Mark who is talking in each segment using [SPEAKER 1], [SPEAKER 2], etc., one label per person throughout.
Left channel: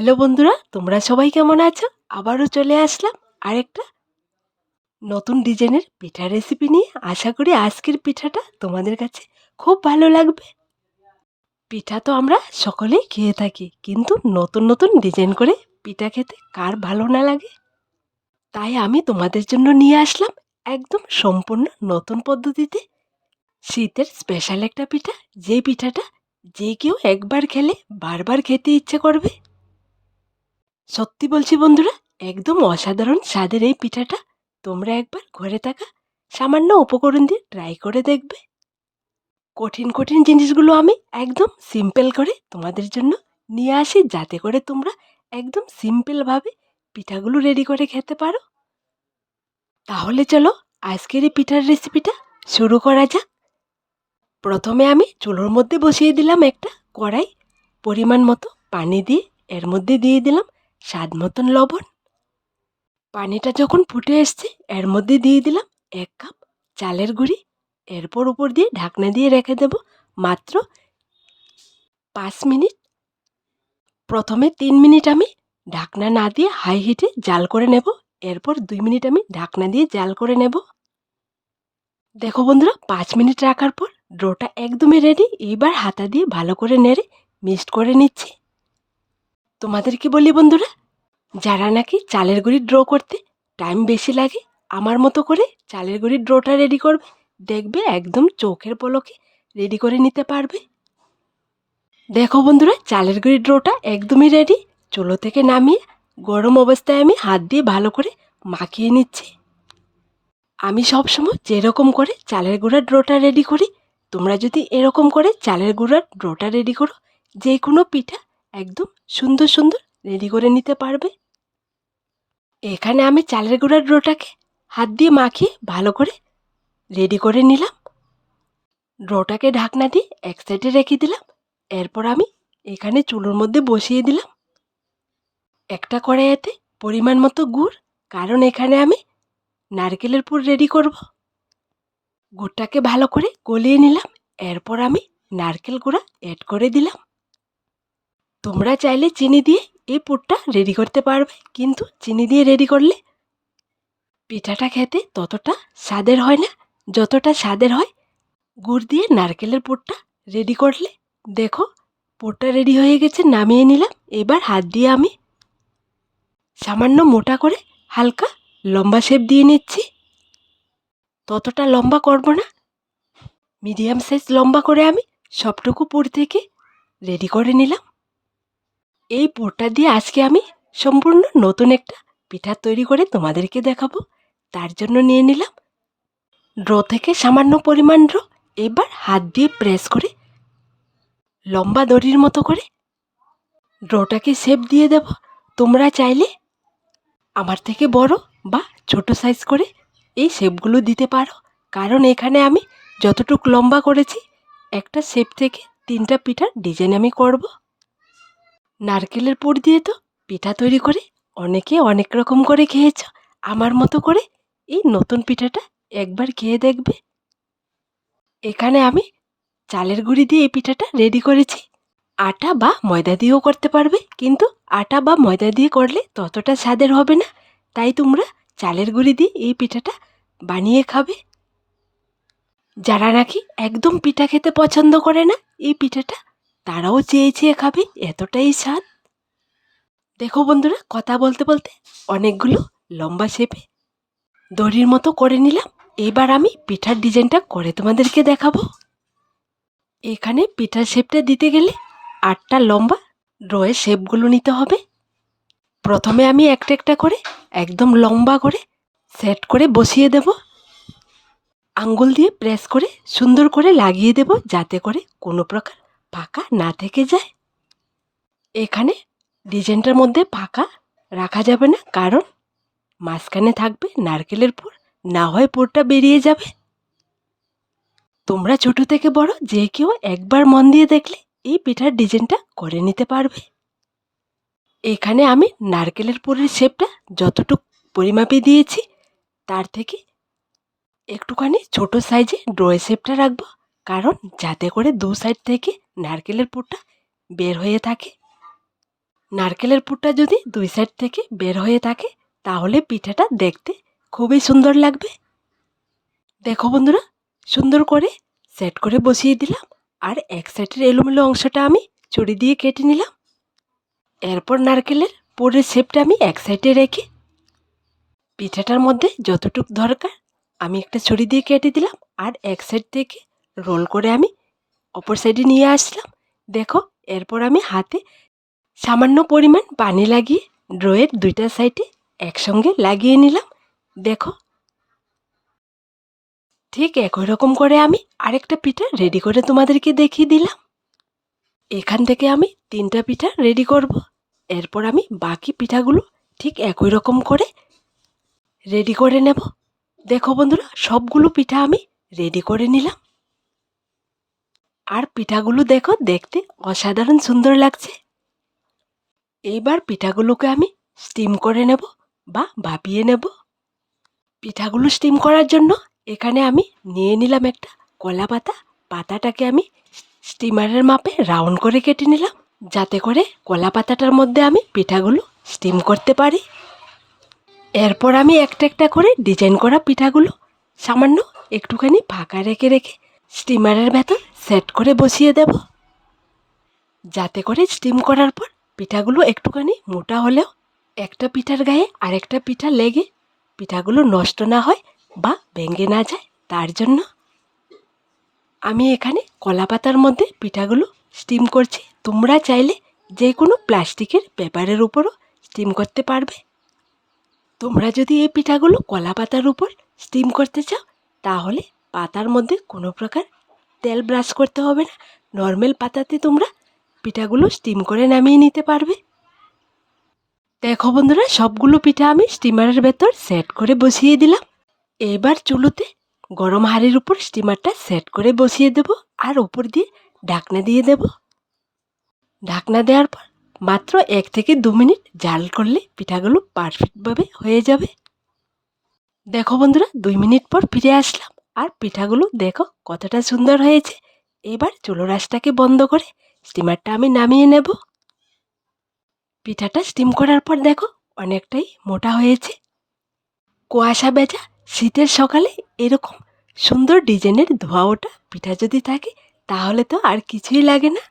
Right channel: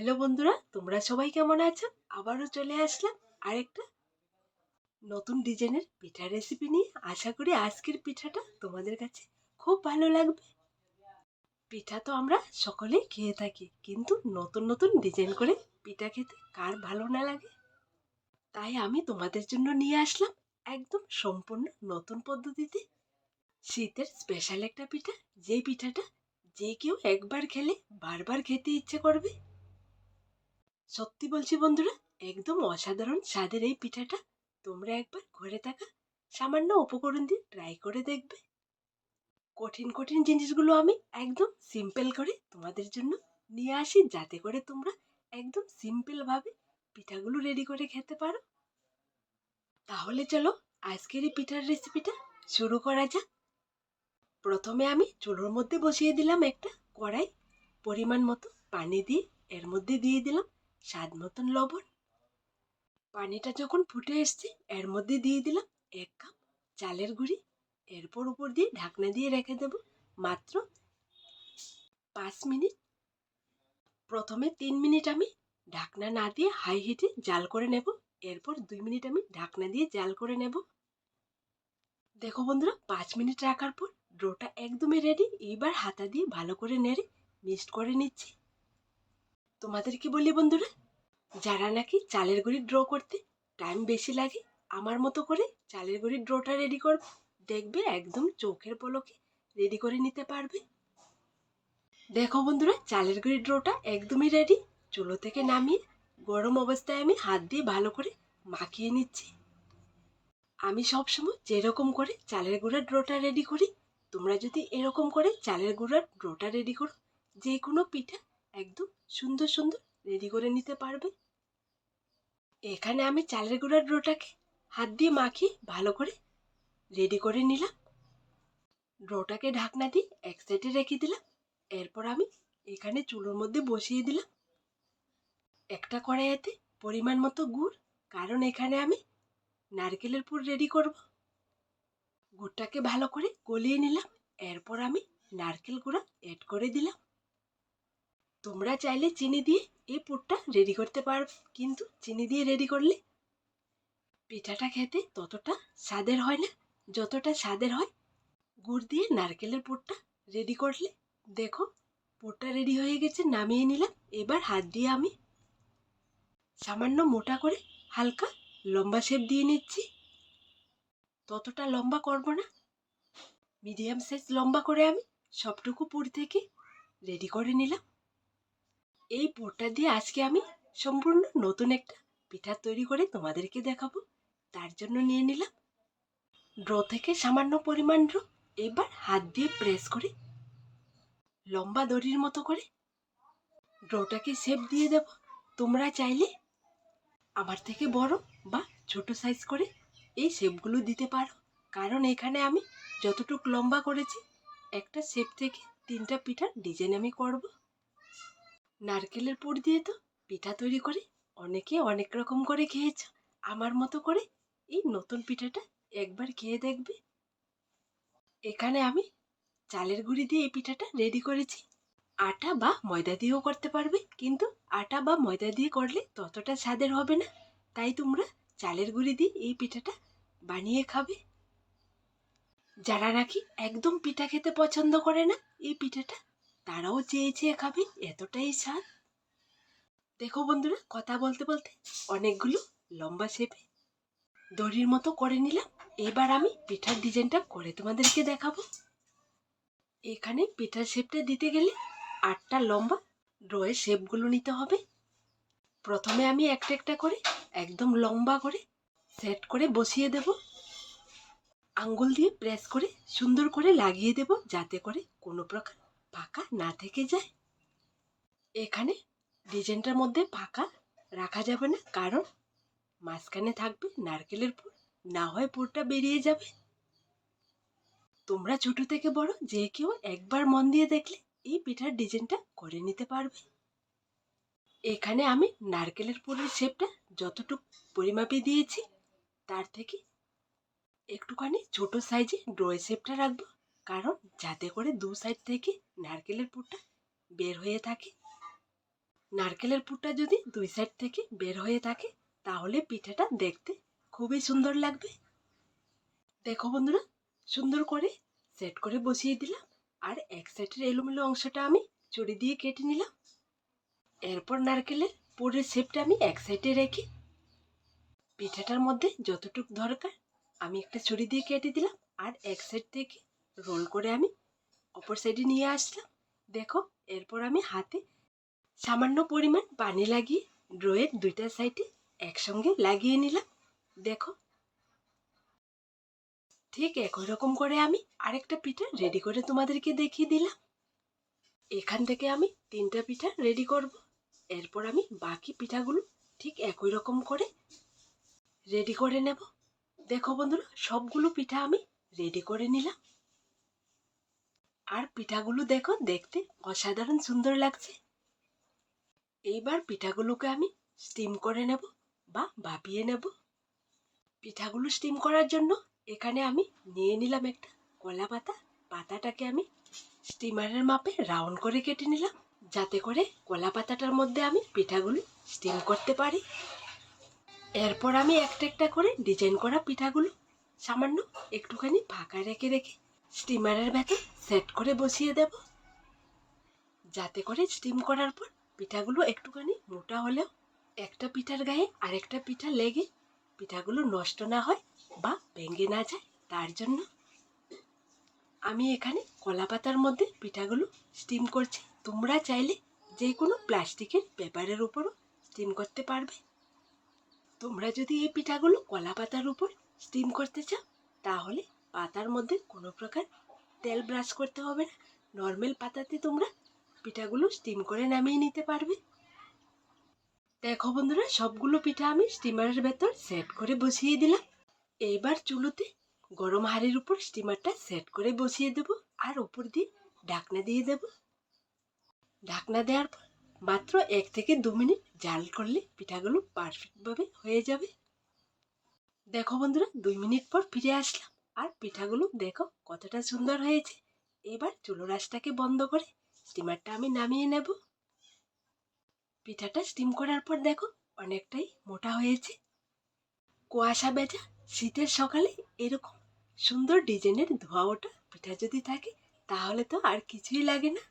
[SPEAKER 1] Hello বন্ধুরা, তোমরা সবাই কেমন আছো? আবারও চলে আসলাম আরেকটা নতুন ডিজাইনের পিঠা রেসিপি নিয়ে। আশা করি আজকের পিঠাটা তোমাদের কাছে খুব ভালো লাগবে। পিঠা তো আমরা সকলেই খেয়ে থাকি, কিন্তু নতুন নতুন ডিজাইন করে পিঠা খেতে কার ভালো না লাগে? তাই আমি তোমাদের জন্য নিয়ে আসলাম একদম সম্পূর্ণ নতুন পদ্ধতিতে শীতের স্পেশাল একটা পিঠা। যে পিঠাটা যে কেউ একবার খেলে বারবার খেতে ইচ্ছে করবে। সত্যি বলছি বন্ধুরা, একদম অসাধারণ স্বাদের এই পিঠাটা। তোমরা একবার ঘরে থাকা সামান্য উপকরণ দিয়ে ট্রাই করে দেখবে। কঠিন কঠিন জিনিসগুলো আমি একদম সিম্পল করে তোমাদের জন্য নিয়ে আসি, যাতে করে তোমরা একদম সিম্পলভাবে পিঠাগুলো রেডি করে খেতে পারো। তাহলে চলো, আজকের এই পিঠার রেসিপিটা শুরু করা যাক। প্রথমে আমি চুলোর মধ্যে বসিয়ে দিলাম একটা কড়াই, পরিমাণ মতো পানি দিয়ে এর মধ্যে দিয়ে দিলাম স্বাদ মতন লবণ। পানিটা যখন ফুটে এসছে, এর মধ্যে দিয়ে দিলাম এক কাপ চালের গুঁড়ি। এরপর উপর দিয়ে ঢাকনা দিয়ে রেখে দেব মাত্র পাঁচ মিনিট। প্রথমে তিন মিনিট আমি ঢাকনা না দিয়ে হাই হিটে জাল করে নেব। এরপর দুই মিনিট আমি ঢাকনা দিয়ে জাল করে নেব। দেখো বন্ধুরা, পাঁচ মিনিট রাখার পর ড্রোটা একদমই রেডি এইবার হাতা দিয়ে ভালো করে নেড়ে মিক্সড করে নিচ্ছি। তোমাদেরকে বলি বন্ধুরা, যারা নাকি চালের গুঁড়ি ড্র করতে টাইম বেশি লাগে, আমার মতো করে চালের গুঁড়ির ড্রোটা রেডি করবে। দেখবে একদম চোখের পলকে রেডি করে নিতে পারবে। দেখো বন্ধুরা, চালের গুঁড়ির ড্রোটা একদমই রেডি চুলো থেকে নামিয়ে গরম অবস্থায় আমি হাত দিয়ে ভালো করে মাখিয়ে নিচ্ছি। আমি সবসময় যেরকম করে চালের গুঁড়ার ড্রোটা রেডি করি, তোমরা যদি এরকম করে চালের গুঁড়ার ড্রোটা রেডি করো যে কোনো পিঠা একদম সুন্দর সুন্দর রেডি করে নিতে পারবে। এখানে আমি চালের গুঁড়ার ড্রোটাকে হাত দিয়ে মাখিয়ে ভালো করে রেডি করে নিলাম। ড্রোটাকে ঢাকনা দিয়ে এক সাইডে রেখে দিলাম। এরপর আমি এখানে চুলোর মধ্যে বসিয়ে দিলাম। একটা কড়াইয়াতে পরিমাণ মতো গুড়, কারণ এখানে আমি নারকেলের পুর রেডি করব। গুড়টাকে ভালো করে গলিয়ে নিলাম। এরপর আমি নারকেল গুঁড়া অ্যাড করে দিলাম। তোমরা চাইলে চিনি দিয়ে এই পুরটা রেডি করতে পারবে। কিন্তু চিনি দিয়ে রেডি করলে পিঠাটা খেতে ততটা স্বাদের হয় না। যতটা স্বাদের হয়, গুড় দিয়ে নারকেলের পুরটা রেডি করলে দেখো পুরটা রেডি হয়ে গেছে, নামিয়ে নিলাম। এবার হাত দিয়ে আমি সামান্য মোটা করে হালকা লম্বা শেপ দিয়ে নিচ্ছি। ততটা লম্বা করব না। মিডিয়াম সাইজ লম্বা করে আমি সবটুকু পুর থেকে রেডি করে নিলাম। এই পুরটা দিয়ে আজকে আমি সম্পূর্ণ নতুন একটা পিঠা তৈরি করে তোমাদেরকে দেখাবো। তার জন্য নিয়ে নিলাম ড্র থেকে সামান্য পরিমাণ ড্র, এবার হাত দিয়ে প্রেস করে লম্বা দড়ির মতো করে ড্রটাকে শেপ দিয়ে দেব। তোমরা চাইলে আমার থেকে বড় বা ছোট সাইজ করে এই শেপগুলো দিতে পারো। কারণ এখানে আমি যতটুকু লম্বা করেছি, একটা শেপ থেকে তিনটা পিঠার ডিজাইন আমি করব। নারকেলের পুর দিয়ে তো পিঠা তৈরি করে অনেকে অনেক রকম করে খেয়েছ। আমার মতো করে এই নতুন পিঠাটা একবার খেয়ে দেখবে। এখানে আমি চালের গুঁড়ি দিয়ে এই পিঠাটা রেডি করেছি। আটা বা ময়দা দিয়েও করতে পারবে, কিন্তু আটা বা ময়দা দিয়ে করলে ততটা স্বাদের হবে না। তাই তোমরা চালের গুঁড়ি দিয়ে এই পিঠাটা বানিয়ে খাবে। যারা নাকি একদম পিঠা খেতে পছন্দ করে না, এই পিঠাটা তারাও চেয়ে চেয়ে খাবে, এতটাই স্বাদ। দেখো বন্ধুরা, কথা বলতে বলতে অনেকগুলো লম্বা শেপে দড়ির মতো করে নিলাম। এবার আমি পিঠার ডিজাইনটা করে তোমাদেরকে দেখাবো। এখানে পিঠার শেপটা দিতে গেলে আটটা লম্বা ড্রয়ের শেপগুলো নিতে হবে। প্রথমে আমি একটা একটা করে, একদম লম্বা করে সেট করে বসিয়ে দেব। আঙ্গুল দিয়ে প্রেস করে সুন্দর করে লাগিয়ে দেব, যাতে করে কোনো প্রকার ফাঁকা না থেকে যায়? এখানে ডিজাইনটার মধ্যে ফাঁকা রাখা যাবে না, কারণ মাঝখানে থাকবে নারকেলের পুর, না হয় পুরটা বেরিয়ে যাবে। তোমরা ছোট থেকে বড় যে কেউ একবার মন দিয়ে দেখলে এই পিঠার ডিজাইনটা করে নিতে পারবে। এখানে আমি নারকেলের পুরের শেপটা যতটুকু পরিমাপে দিয়েছি, তার থেকে একটুখানি ছোট সাইজে ড্রয়ে শেপটা রাখব। কারণ যাতে করে দু সাইড থেকে নারকেলের পুরটা বের হয়ে থাকে। নারকেলের পুরটা যদি দুই সাইড থেকে বের হয়ে থাকে, তাহলে পিঠাটা দেখতে খুবই সুন্দর লাগবে। দেখো বন্ধুরা, সুন্দর করে সেট করে বসিয়ে দিলাম আর এক সাইডের এলোমেলো অংশটা আমি ছুরি দিয়ে কেটে নিলাম। এরপর নারকেলের পুরের শেপটা আমি এক সাইডে রেখে পিঠাটার মধ্যে যতটুক দরকার আমি একটা ছুরি দিয়ে কেটে দিলাম আর এক সাইড থেকে রোল করে আমি অপর সাইডে নিয়ে আসলাম। দেখো, এরপর আমি হাতে সামান্য পরিমাণ পানি লাগিয়ে ড্রয়ের দুইটা সাইডে একসঙ্গে লাগিয়ে নিলাম। দেখো, ঠিক একই রকম করে আমি আরেকটা পিঠা রেডি করে তোমাদেরকে দেখিয়ে দিলাম। এখান থেকে আমি তিনটা পিঠা রেডি করব। এরপর আমি বাকি পিঠাগুলো ঠিক একই রকম করে রেডি করে নেব। দেখো বন্ধুরা, সবগুলো পিঠা আমি রেডি করে নিলাম। আর পিঠাগুলো দেখো, দেখতে অসাধারণ সুন্দর লাগছে। এইবার পিঠাগুলোকে আমি স্টিম করে নেব বা ভাপিয়ে নেব। পিঠাগুলো স্টিম করার জন্য এখানে আমি নিয়ে নিলাম একটা কলা পাতা। পাতাটাকে আমি স্টিমারের মাপে রাউন্ড করে কেটে নিলাম, যাতে করে কলা পাতাটার মধ্যে আমি পিঠাগুলো স্টিম করতে পারি। এরপর আমি একটা একটা করে ডিজাইন করা পিঠাগুলো সামান্য একটুখানি ফাঁকা রেখে রেখে স্টিমারের ভেতর সেট করে বসিয়ে দেব। যাতে করে স্টিম করার পর পিঠাগুলো একটুখানি মোটা হলেও একটা পিঠার গায়ে আরেকটা পিঠা লেগে পিঠাগুলো নষ্ট না হয় বা ভেঙে না যায়, তার জন্য আমি এখানে কলা পাতার মধ্যে পিঠাগুলো স্টিম করছি। তোমরা চাইলে যে কোনো প্লাস্টিকের পেপারের উপরও স্টিম করতে পারবে। তোমরা যদি এই পিঠাগুলো কলা পাতার উপর স্টিম করতে চাও, তাহলে পাতার মধ্যে কোনো প্রকার তেল ব্রাশ করতে হবে না। নর্মাল পাতাতে তোমরা পিঠাগুলো স্টিম করে নামিয়ে নিতে পারবে। দেখো বন্ধুরা, সবগুলো পিঠা আমি স্টিমারের ভেতর সেট করে বসিয়ে দিলাম। এবার চুলোতে গরম হাঁড়ির উপর স্টিমারটা সেট করে বসিয়ে দেব আর উপর দিয়ে ঢাকনা দিয়ে দেব। ঢাকনা দেওয়ার পর মাত্র এক থেকে দু মিনিট জাল করলে পিঠাগুলো পারফেক্টভাবে হয়ে যাবে। দেখো বন্ধুরা, দুই মিনিট পর ফিরে আসলাম। আর পিঠাগুলো দেখো কতটা সুন্দর হয়েছে। এবার চুলো রাসটাকে বন্ধ করে স্টিমারটা আমি নামিয়ে নেব। পিঠাটা স্টিম করার পর দেখো অনেকটাই মোটা হয়েছে। কুয়াশা বেজা শীতের সকালে এরকম সুন্দর ডিজাইনের ধোয়া ওটা পিঠা যদি থাকে তাহলে তো আর কিছুই লাগে না।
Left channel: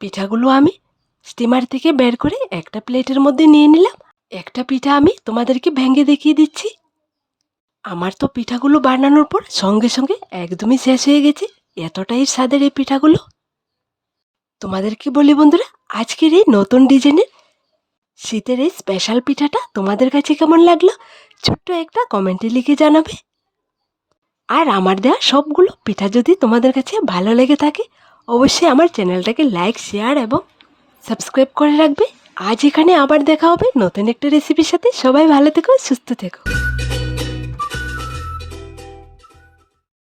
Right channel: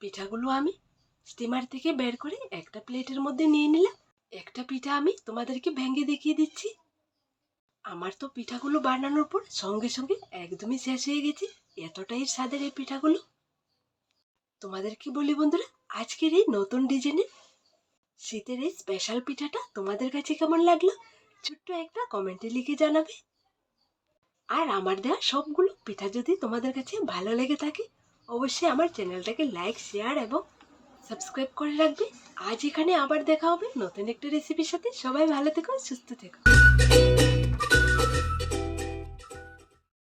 [SPEAKER 1] পিঠাগুলো আমি স্টিমার থেকে বের করে একটা প্লেটের মধ্যে নিয়ে নিলাম। একটা পিঠা আমি তোমাদেরকে ভেঙে দেখিয়ে দিচ্ছি। আমার তো পিঠাগুলো বানানোর পর সঙ্গে সঙ্গে একদমই শেষ হয়ে গেছে। এতটাই স্বাদের এই পিঠাগুলো। তোমাদেরকে বলি বন্ধুরা, আজকের এই নতুন ডিজাইনের শীতের এই স্পেশাল পিঠাটা তোমাদের কাছে কেমন লাগল? ছোট্ট একটা কমেন্টে লিখে জানাবে। আর আমার দেওয়া সবগুলো পিঠা যদি তোমাদের কাছে ভালো লেগে থাকে, অবশ্যই আমার চ্যানেলটাকে লাইক শেয়ার এবং সাবস্ক্রাইব করে রাখবে। আজ এখানে আবার দেখা হবে নতুন একটা রেসিপির সাথে। সবাই ভালো থেকো, সুস্থ থেকো।